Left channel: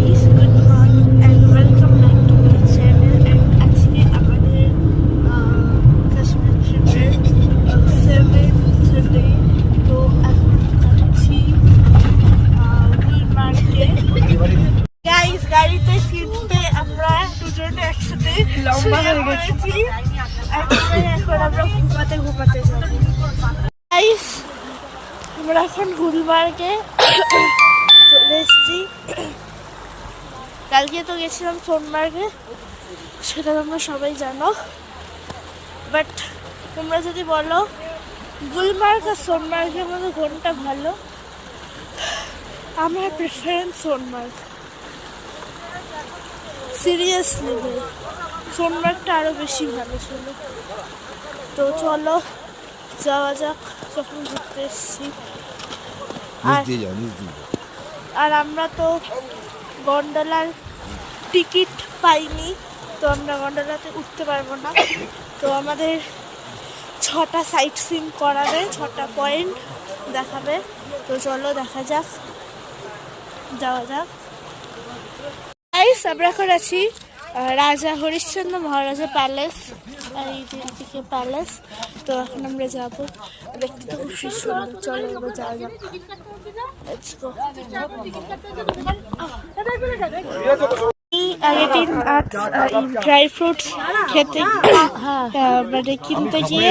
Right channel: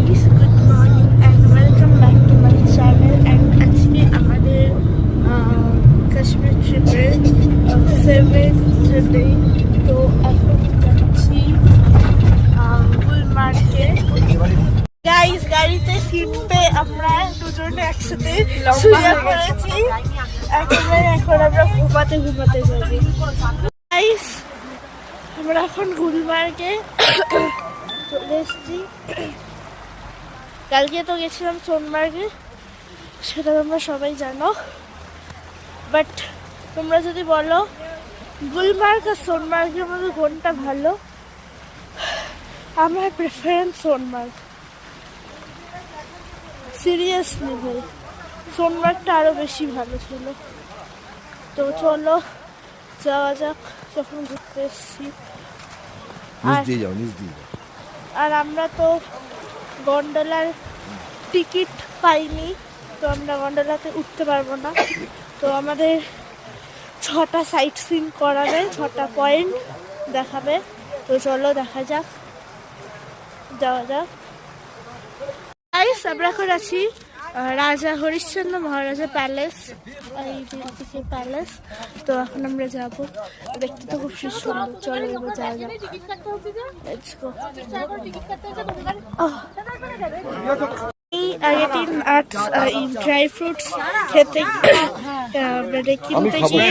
guys, good morning and welcome back to my channel. And actually আমাদের কাশ্মীর ট্রিপের 7th day. তো এখন যাচ্ছি গুলমার্গে। গাইস, গাড়িতে সিটতে আমরা দুজনে একসাথে শুয়ে পড়েছি। এখন আমরা ঘুমাতে যাবো। গাইস, আমরা এখন গুলমার্গে চলে এসেছি। কালকে তো গেছিলাম সোনমার্গে, সেটা তোমরা সবাই জানো। বাট তোমরা যদি বলো গুলমার্গ আর সোনমার্গের মধ্যে কোনটা ভালো, আমার প্রেফারেন্স সোনমার্গ। সিরিয়াসলি ভাই, সোনমার্গটা আরো বেশি ভালো ছিল। তো চলো যাওয়া যাক, যখন ঘুরতে এসেছি। আর আমরা তো গন্ডোলার টিকিট পাইনি, তো আমরা গন্ডোলাতে উঠতে পারবো না। তো আমাদের 6টা সাইট সিন করাবে, 6টা পয়েন্ট দেখাবে। তো চলো দেখা যাক, যাওয়া যাক। গাইস, আমরা এখন আছি রাজা হরিশ্চন্দ্র মহারাজা প্যালেস, এইদিকে প্যালেস। তো এখন আমরা যাবো, দেখতে তো খুব সুন্দর। চলো এবার যাওয়া যাক, লেটস গো। আগের ড্রাই ফ্রুটস খেতে মানে কিনতে গিয়ে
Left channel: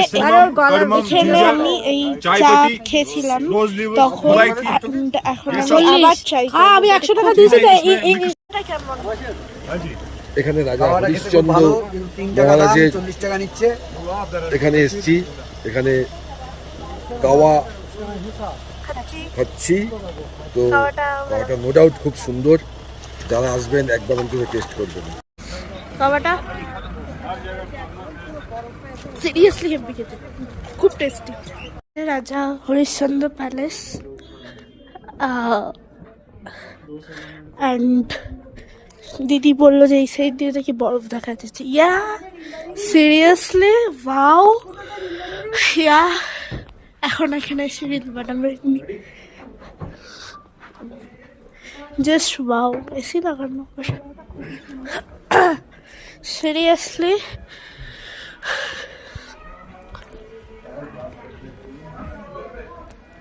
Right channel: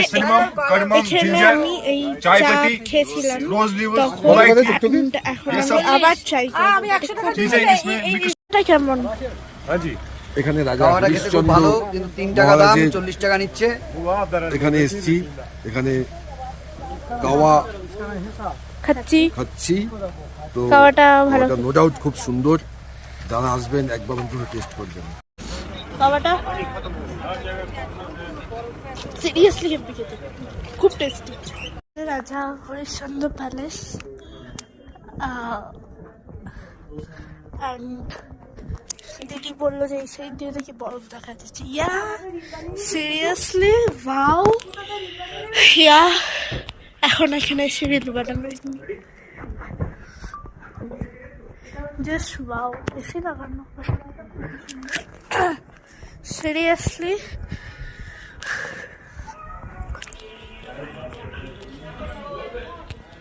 এখানে আমি এই চা খেয়েছিলাম তখন। এখন আমি আবার ট্রাই করবো কেমন। এখানে রাজা হরিশ্চন্দ্র মহারাজের 40 টাকা নিচ্ছে। এখানে এসছি, এখানে গাওয়া খাচ্ছি। তো খাওয়াটা নো ডাউট খুব সুন্দর। যারা আসবেন একবার অন্তত টেস্ট করবেন। খাওয়াটা সিরিয়াসলি খেতে খুব টেস্টি। রাজা হরিশ্চন্দ্র প্যালেস অ্যান্ড দিদি বললো যে এই সাইড দিয়ে দেখি বরফ দেখা যাচ্ছে। ইয়া সিরিয়াসলি ওয়াও। ইয়া এখন এখানে এসে রিল বানাবো, জাস্ট ওয়াও। এসি লাগানো সিরিয়াসলি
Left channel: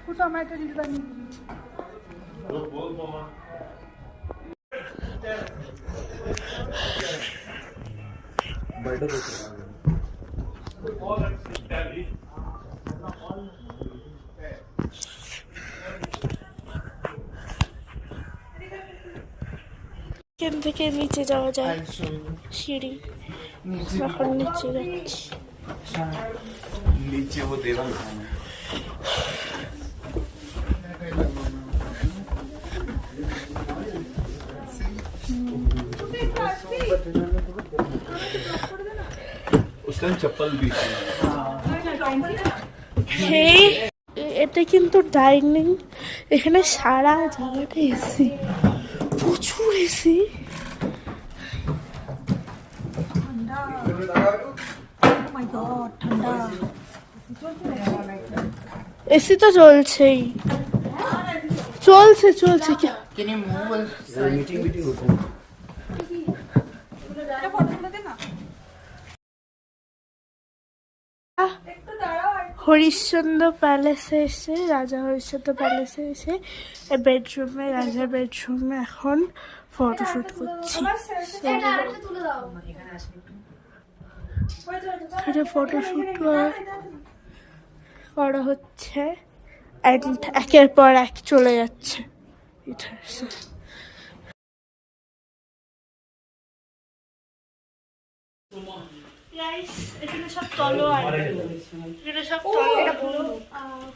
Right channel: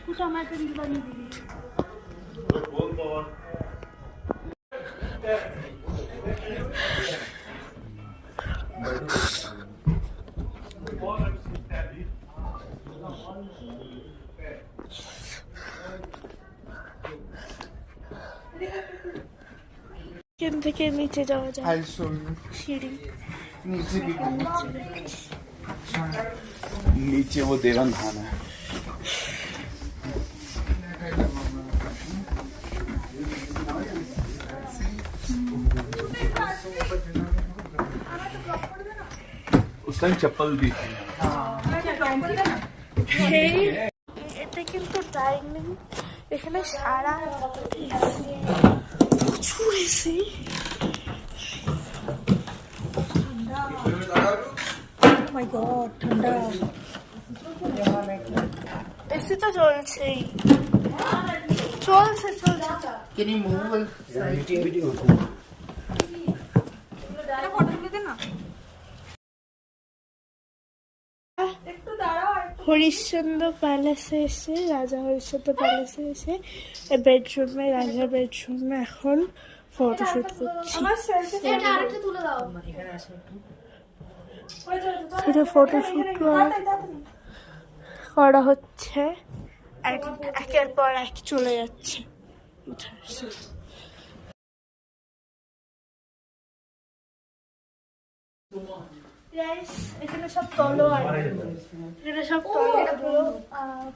কোথাও আমার একটা রিল বানিয়ে দিবি। এখান থেকে নিচে যাওয়া যায়, সিঁড়ি। এখন নিচে যাচ্ছি। নিচে ও দেরাম খানা उस टाइम चप्पल भी थी। এটা কিন্তু ডাইনিং, এখানে সারা জায়গাটা এসি, প্রচুর এসি। ঠান্ডা এসি তো চলছেই, চলছে। হরিশ্চন্দ্র প্যালেসে এসে, রাজা হরিশ্চন্দ্র প্যালেসে এসে বেডরুমে, রাজার বেডরুমে এখন ফটোশুট করছি। এখানে ফটোশুট করা হচ্ছে, একের পর এক চলে যাচ্ছে। এখানে সব তলোয়ার, এখানে সব তলোয়ার পুরো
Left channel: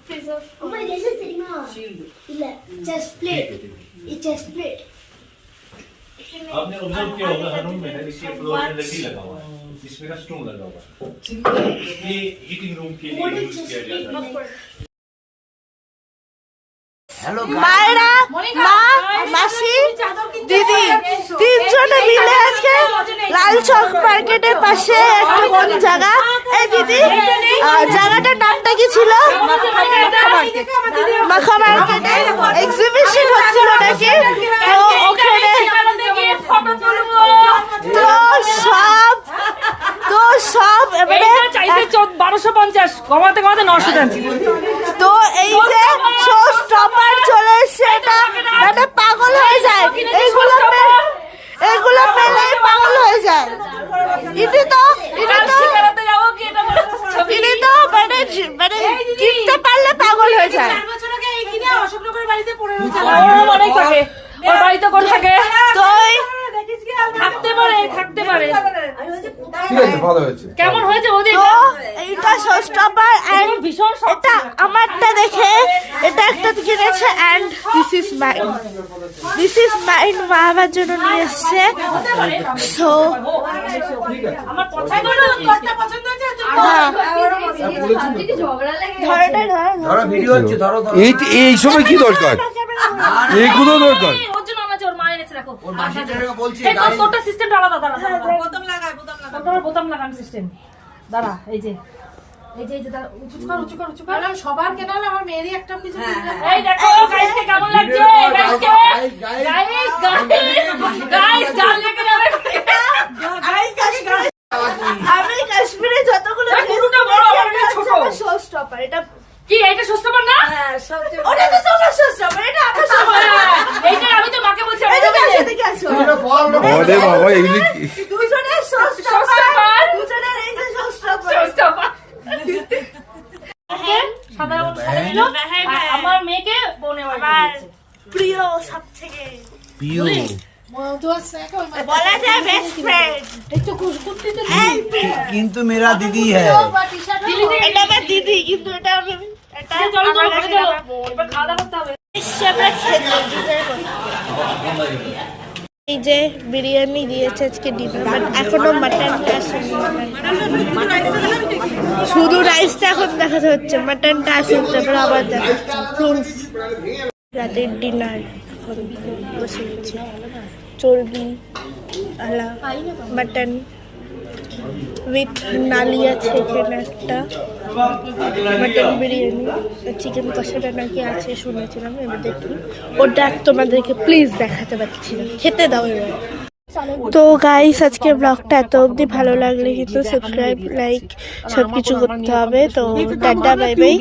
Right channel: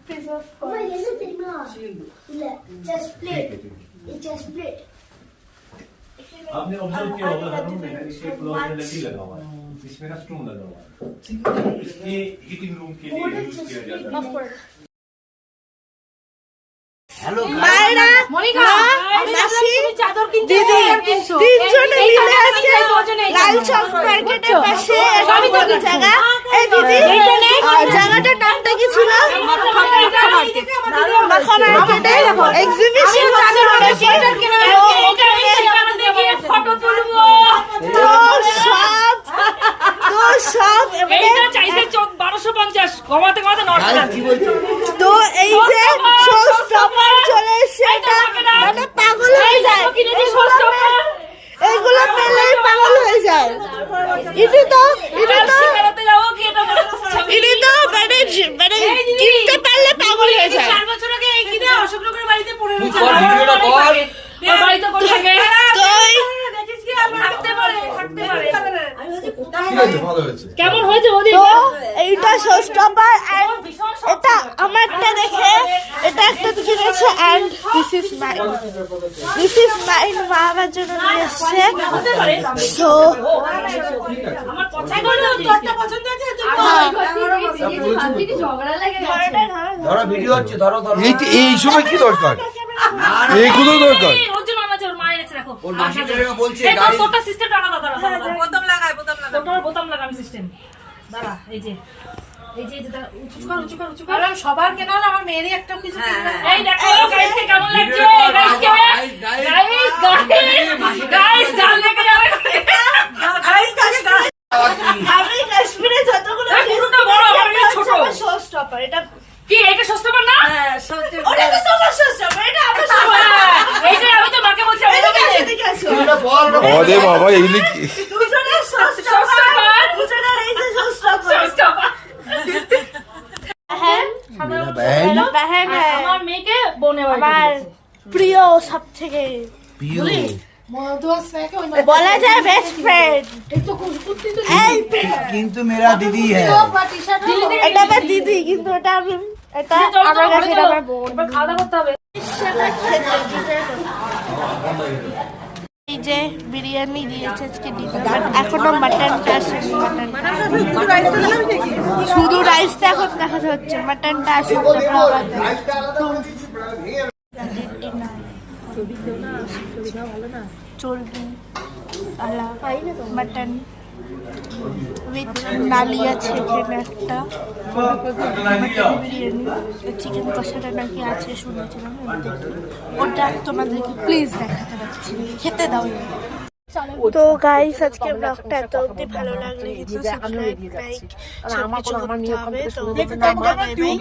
পিস অফ চেস্ট প্লেট। ये चेस्ट प्लेट आपने ऑब्जर्व किया होगा हर रूम में इसके फ्लोर में लकड़ी लगा हुआ है, इसमें ना स्टोन लगा हुआ है। ये हीटिंग रूम के लिए यूज किया जाता है। মায়েরা, মা, মাসি, দিদি তিনজনে মিলে আজকে লালচক মার্কেটের পাশে একটা কোন জায়গা, এই দিদি জায়গাটার নামটা কি ছিল? মাখা মার্কেটে এক্সিবিশন হচ্ছিল নাকি? তো ওখানে বিশ্বাস কমাতে কমাতে নষ্ট টানছি তো এই যে শো স্টপার চলে এসছে, এটা মানে পাগল হয়ে যায়, এগুলো পেলে পাগল হয়ে যায়। ইনি তো মানে কিনতে পারলে পাগল হয়ে যায়। 4 বছর আগে এই কিনে অশোকনগরের বাড়িতে পড়ে রয়েছে, বাড়িতে করে থাকে, তো থাকতে পারে ঠিক আছে, ভালো হয়েছে। কেমন হয়েছে ওদের? তো এইটা শো স্টপার এন্ড এটা আমারটা দেখে এটা একটা কিনেছে এন্ড দিস ইজ মাইন মা আমার জন্য নিয়ে এসছে। সো আমার পছন্দ হলো, তোরটা পছন্দ হয়েছে ধরো ভিডিও হচ্ছে, ধরো ধরো। এই সময় কি দরকার? এইগুলো দরকার। ওর জন্য আমার ওর মা এনেছে, দেখো ওর মাসির জায়গা বলছে এই গাড়ি তোরটা সিস্টেমটা আলাদা, দাঁড়া বোতাম লাগায় তোর বোতাম লাগানো সিস্টেম, দাঁড়া এই যে দাঁড়া, উঁচু কর সবার কেন হলো, আমার মেয়েরই একটা কিছু এই দেখো গাইসকে কেমন লাগছে, গাইস গান লেগে যাবে আমি কাশ্মীরে যতগুলো এই পুরোটা বড়, আমার এটা ছোট। শো স্টপার, এটা কি এইটা সস্তা পার না? ওটা তো তোমার শো স্টপার, এটা আমার শো স্টপার। এইটা আমি তো মাকে বলছি আমি এদিকে আসো। আরে বাবা, এই দুজনের শো স্টপার, দুজনের এই যে শো স্টপার। হ্যাঁ, সাধারণ আমার মেয়েকে বোনে আমার প্রিয় সব থেকে বলা যায় বেস্ট ফ্রেন্ড। কিন্তু মেরা দিদি হ্যাঁ। এটা আমার দিদি, কিন্তু এটা আমি এটা চলো আমার ঘরে কাছে চলো, আমার বোন। এবার খাওয়া দাওয়া করতে হবে। এসে আমরা খেতে ডিনার করতে। এই যে বিরিয়ানি দিয়েছে আজকে ডিনার, বাট এখনো মাটনটা আসেনি। মাটনটা শুধু রাইসটা এখন দেখাতে হচ্ছে, মাটনটা আসেনি, তারপরে আবার প্রুফ। রাতের ডিনার বসে গেছি, চর্বি আলা মাটন উইথ নালি আছে এখানে একটা, মাটন বিরিয়ানি, চিকেন কষাটা নাকি আছে শুনেছিলাম, এবার দেখি ওটা তোমাদেরকে প্লিজ দেখাতে পারছি না, খেতে দাও এবার। তো গাইস আজকে ব্লগটা এত অবধি, ভালো লাগলে কিন্তু সাবস্ক্রাইব লাইক সব কিছু করতে হবে। তো টাটা বাই বাই।